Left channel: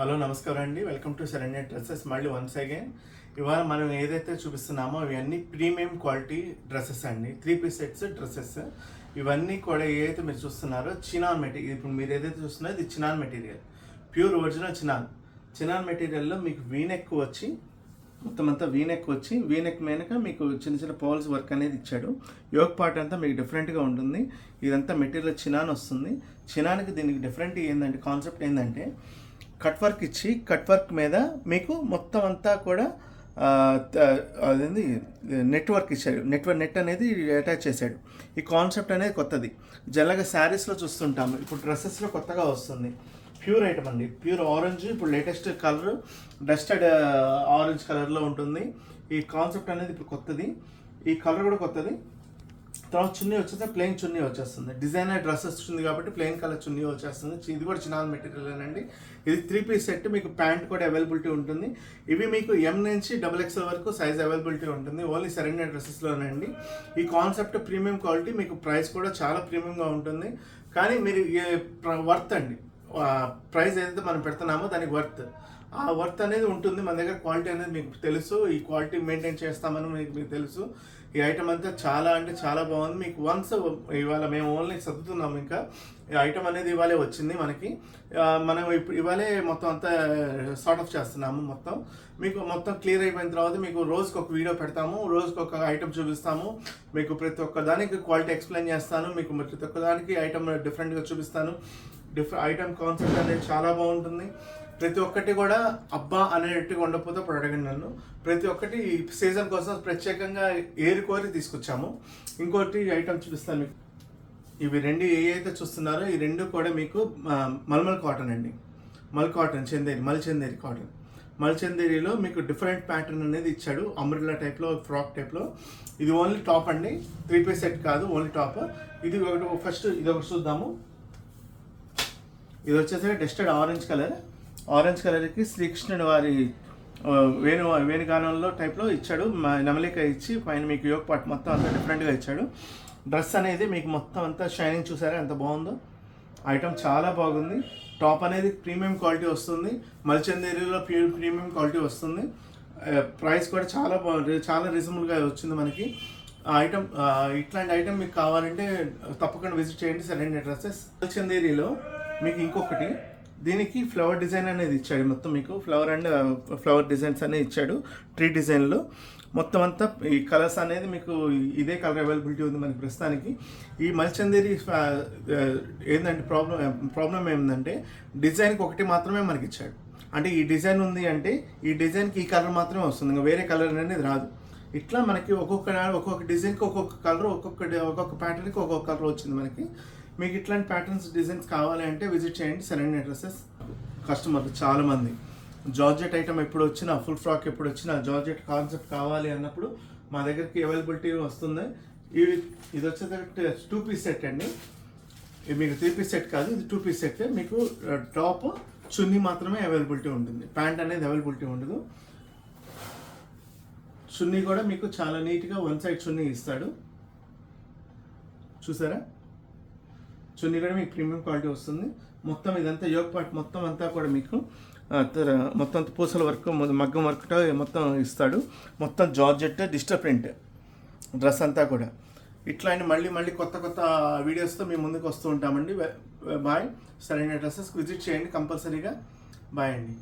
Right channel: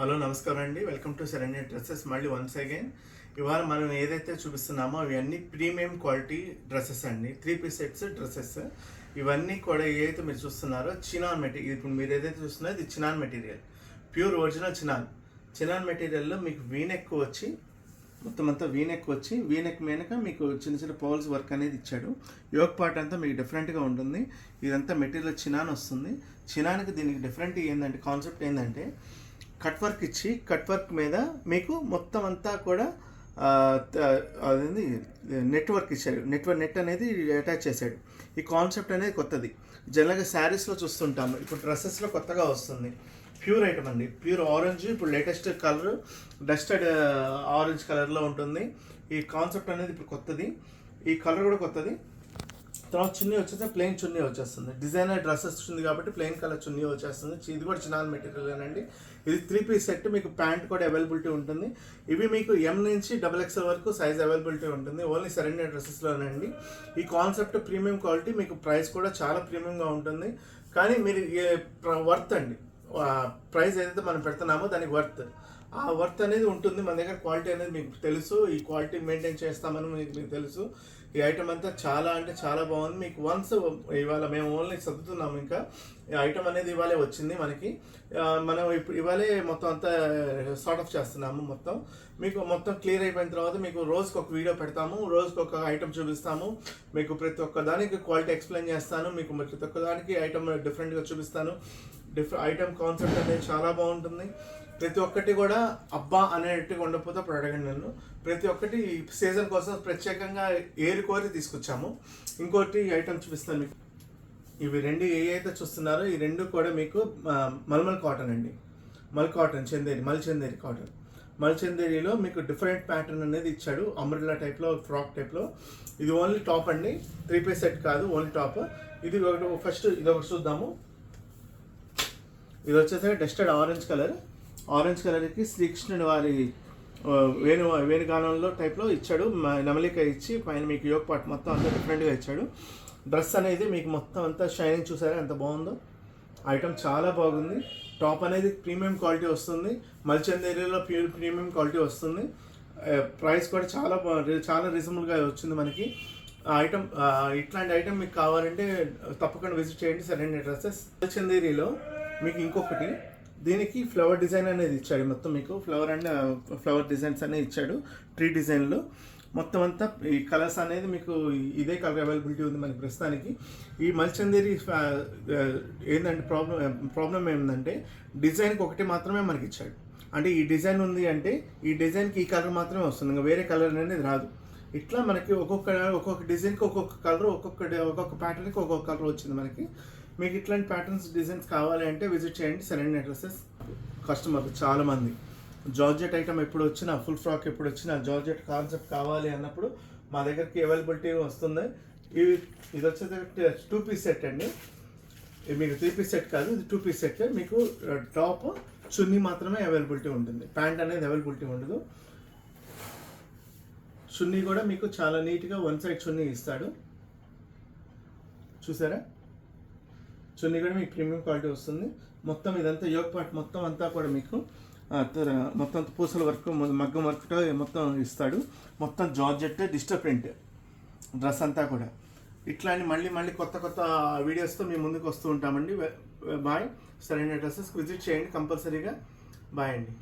Hello నమస్కారం అండి, welcome to Saranya dresses. మళ్ళీ వన్స్ అగైన్ ఇవాళ మనం ఏదైతే చూపిస్తున్నామో ఇవన్నీ ప్రీమియం క్వాలిటీ డ్రెస్సెస్ అండి. 3-piece sets dresses. ఇవన్నీ కూడా ఏదైతే మీరు చూస్తున్నారో చినాన్ మెటీరియల్. ఇప్పుడు మీరు ఏదైతే చూస్తున్నారో ఇది chinon material, pure original chinon మెటీరియల్లో మీకు వీనెక్ వచ్చి మొత్తం అంతా వీనెక్ వచ్చి వీనెక్ మీదక మీకు చిన్న చిన్న పోల్స్ వర్క్ అనేది ఇచ్చాడు. యోక్ పార్ట్ అంతా మీకు డిఫరెంట్గా ఉంటుంది. ఇదంతా మెటీరియల్ చినాన్ వస్తుంది. చినాన్కి దీనికి డిఫరెంట్ ఏంటంటే కాన్సెప్ట్ ఏంటంటే కట్ వర్క్ ఇచ్చి కట్ వర్క్ మీద మీకు మొత్తం అంతా కూడా అదేంది నెట్వర్క్ ఇచ్చాడు. నెట్ అనేది అటాచ్ చేశాడు. ఈ కాన్సెప్ట్ అనేది కొత్తది. జనరల్గా శారీస్లో చూస్తుంటాము, ఇప్పుడు డ్రెస్సెస్లో కొత్తగా వస్తుంది. ప్యూర్ ఐటమ్ అండి, ప్యూర్ ఆరెంజ్. ఇప్పుడు లేటెస్ట్ కలర్ డస్టెడ్ ఆరెంజ్ కలర్లో ఉంటుంది. ఈ కాన్సెప్ట్ అనేది ఇప్పుడు కొత్తది. ఈ కలర్ కూడా కొత్తది. తర్వాత చున్నీ వచ్చేస్తే ప్లెయిన్ చున్నీ వచ్చేస్తుంది. డిజైనర్ డ్రెస్ వస్తుంది కాబట్టి ప్లెయిన్ కలర్ చున్నీ వచ్చేస్తుంది. ఇది కూడా చినాన్ మెటీరియల్ అండి. ఇది 3-piece సెట్. మీకు ప్యాంట్ కూడా అవైలబిలిటీ ఉంటుంది. ఇవి మీకు M నుంచి XXL వరకు సైజ్ అవైలబిలిటీ ఉంటుంది. ఓన్లీ శరణ్య డ్రెస్సెస్లోనండి. ఈ కాన్సెప్ట్ ప్రీమియం క్వాలిటీ, మీకు ప్రైస్ కూడా చాలా ప్రీమియంగా ఉంటుంది. కానీ మీరు వర్త్ అండి, ప్రైస్ ఏదైతే మనం పెడుతున్నామో దానికి ఆ వర్త్ అనేది ఉంటుంది. మన దగ్గర క్వాలిటీ అనేది మీకు తెలుసు. ఈ క్వాలిటీ మెయింటైన్ చేస్తామని మీకు తెలుసు. ఈ ఐటమ్ అంతా చాలా అంటే చాలా బాగుంది. మీకు వన్స్ ఇవాళ మేము ఓన్లీ సర్దుతున్నాము. ఇంకా ఈ ఐటమ్ అనేది ఇవాళే వచ్చింది మనకి. మనం ఇప్పుడు ఇవాళే మొత్తం అంతా సార్ట్ ఆఫ్ చేస్తున్నాము. మీకు మొత్తం క్లియర్ అయిపోయిన తర్వాత మీకు రోజుకి ఒక వీడియో పెడతాము, రోజుకి ఒక ఐటమ్ చూపిస్తాము. మీకు ప్రతి ఒక్క దానికి క్వాలిటీ ఎక్స్ప్లెయిన్ చేస్తాను. మీకు ప్రతి ఒక్క దానికి ఐటమ్ డిఫరెంట్గా చూపిస్తాను. ఐటమ్ కాన్సెప్ట్ అనేది చాలా బాగుంటుంది. ప్రతి ఒక్కటి కూడా అబ్బా అనేట్టుగా ఉండకపోతే అప్పుడు అడగండి నన్ను. ప్రతి ఒక్కటి సీజన్ కోసం ప్రత్యేకంగా ఏరుకోరి తీసుకొచ్చాము. ఇంకోటి ఐటమ్ చూపిస్తాను మీకు. ఇవి రెండు ఏవైతే చూస్తున్నారో ఈ రెండు కూడా మీకు మల్మల్ కాటన్ అండి. మల్ చందేరి కాటన్. మల్ చందేరిలో మీకు డిఫరెంట్ ప్యాటర్న్ అనేది ఇచ్చాడు. అంబ్రెల్లా టైప్లో, ఫ్రాక్ టైప్లో. ఇది ఓన్లీ టాప్ అండి, 3-piece సెట్ కాదు, ఓన్లీ టాప్. ఇది ఫస్ట్ ఇది ఒకటి చూద్దాము. ఇది వచ్చేసి డస్టెడ్ ఆరెంజ్ కలర్కి శ్రీకృష్ణుని వారి వేణుగానంలో టైప్లో ఇచ్చాడు. నెమలిక ఇచ్చి పైన మీకు యోక్ పార్ట్ మొత్తం అంతా డిఫరెంట్గా ఇచ్చాడు. డ్రెస్ అనేది మీకు మొత్తం అంతా షైనింగ్ చూసారా ఎంత బాగుందో. ఐటమ్ చాలా బాగుంది. టాప్ అనేది ప్రీమియం క్వాలిటీ వస్తుంది. మల్చందేరియాలో ప్రీమియం క్వాలిటీ వస్తుంది. ప్రైస్ కూడా చాలా రీజనబుల్గా వచ్చింది మనకి. ఐటమ్ ఇట్లాంటి ఐటమ్ మీకు కావాలంటే తప్పకుండా విజిట్ చేయండి శరణ్య డ్రెస్సెస్. మల్చందేరిలో మీకు ఇంకొకటి, దీనికి ఫ్లవర్ డిజైన్ అనేది ఇచ్చాడు. మొత్తం మీకు ఫ్లవర్ డిజైన్స్ అనేది ఇచ్చాడు. ట్రీ డిజైన్లో మొత్తం అంతా ఈ కలర్స్ అనేది మీకు ఇదే కలర్ అవైలబిలిటీ ఉంది మనకి ప్రస్తుతానికి. ఈ మల్చందేరి ఏంటంటే ప్రాబ్లం ఏంటంటే డిజైన్కి ఒకటి మాత్రమే మనకి ఇచ్చాడు. అంటే ఈ డిజైన్ ఉంది అంటే ఈ డిజైన్కి ఈ కలర్ మాత్రమే వస్తుంది, ఇంకా వేరే కలర్ అనేది రాదు. ఇట్లా మనకి ఒక్కొక్క డిజైన్కి ఒక్కొక్క కలర్, ఒక్కొక్క ప్యాటర్న్కి ఒక్కొక్క కలర్ వచ్చింది మనకి. మీకు ఇట్లాంటి ప్యాటర్న్స్ డిజైన్స్ కావాలి అంటే విజిట్ చేయండి శరణ్య డ్రెస్సెస్. కస్టమర్లు చాలామంది జార్జెట్ ఐటమ్ ఎప్పుడు వచ్చినా, ఫుల్ ఫ్రాక్ ఎప్పుడు వచ్చినా, జార్జెట్ కాన్సెప్ట్ కావాలి అన్నప్పుడు మా దగ్గరికి అవైలబిలిటీ వస్తుంది. ఇది వచ్చేసి 2-piece సెట్ అండి. ఇది మీకు 3-piece సెట్ కాదు, ఇది 2-piece సెట్. మీకు టాప్ చున్నీ మాత్రమే అవైలబిలిటీ ఉంటుంది, ప్యాంట్ అనేది అవైలబిలిటీ ఉండదు. చున్నీ కూడా మీకు చాలా నీట్గా వన్ సైడ్ చున్నీ ఇస్తాడు. చూసారా, చున్నీ కూడా మీకు ప్రీమియం క్వాలిటీ వస్తుంది. మొత్తం ఇదంతా యోక్ పార్ట్ మొత్తం అంతా కూడా మీకు మొత్తం పూసల వర్క్, మగ్గం వర్క్ మొత్తం ఇస్తాడు. మొత్తం జార్జెట్ డిజిటల్ ప్రింట్ డ్రెస్ అంతా కూడా. ఇట్లాంటి మళ్ళీ కొత్త వీడియోస్తో మేము ముందుకు వస్తూ ఉంటామండి. బాయ్. శరణ్య డ్రెస్సెస్ విజిట్ చేయండి కంపల్సరీగా. బాయ్ అండి.